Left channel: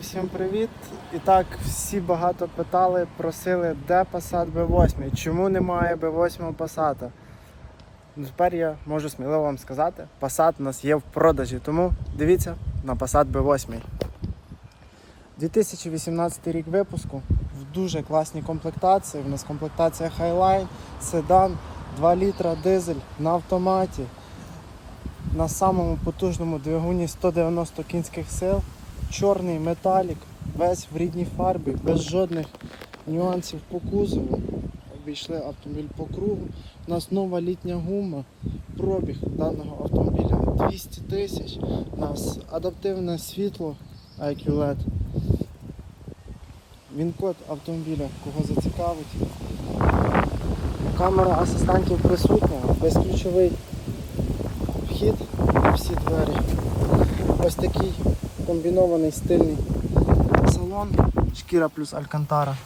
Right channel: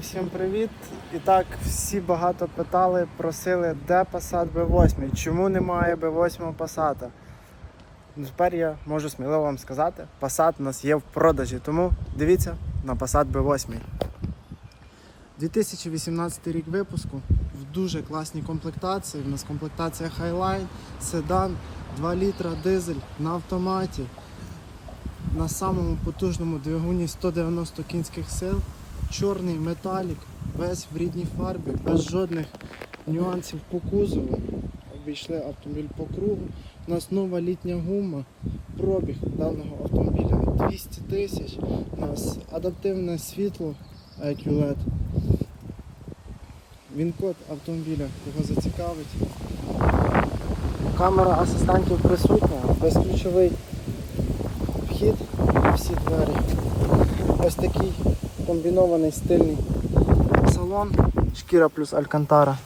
Всім привіт! І так, всі багато питали, просили, де Passat B8, чому немає B8 Passat. Ну, Тепер я можу сміливо вам сказати, Passat у нас є в продажі, тому дивіться на Passat B8. 2018 рік випуску в дуже класній комплектації. У нас комплектація Highline, седан, 2 літра дизель на автоматі. На самому потужному двигуні 190 кінських сил чорний металік, весь в рідній фарбі, без жодних нюансів по кузову. Обійшли автомобіль по кругу. У нас нова літня гума. Пробіг даного автомобіля 200 тисяч. У нас адаптивне світло IQ LED. Він код автомобіля, кого зацікавить. Камера асистентів присутня, безключовий вхід на всі двері. Ось такий комбінований стильний салон, шкіра плюс алькантара.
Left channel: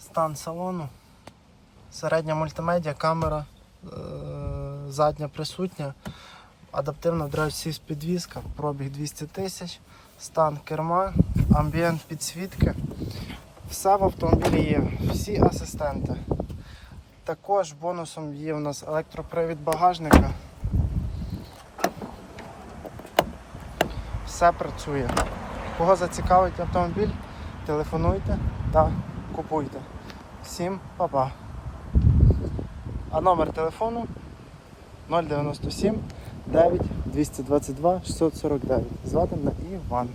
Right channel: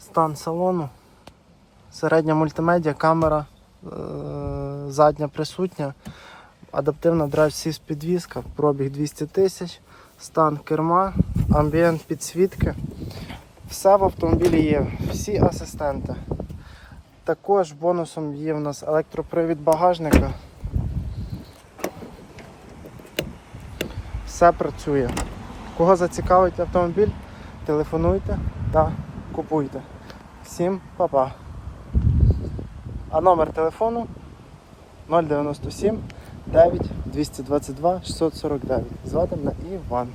Стан салону, середня мультимедіа, камера е- задня присутня, адаптивна драйв сіс підвізка, пробіг 200 тисяч, стан керма, амбієнт підсвітки. Все в автомобілі є, всі асистенти. Також бонусом є в нас електропривід багажника. Все працює. Кого зацікавить автомобіль, телефонуйте та купуйте. Всім па-па. А номер телефону 097 9 222 649. Звати мене Іван.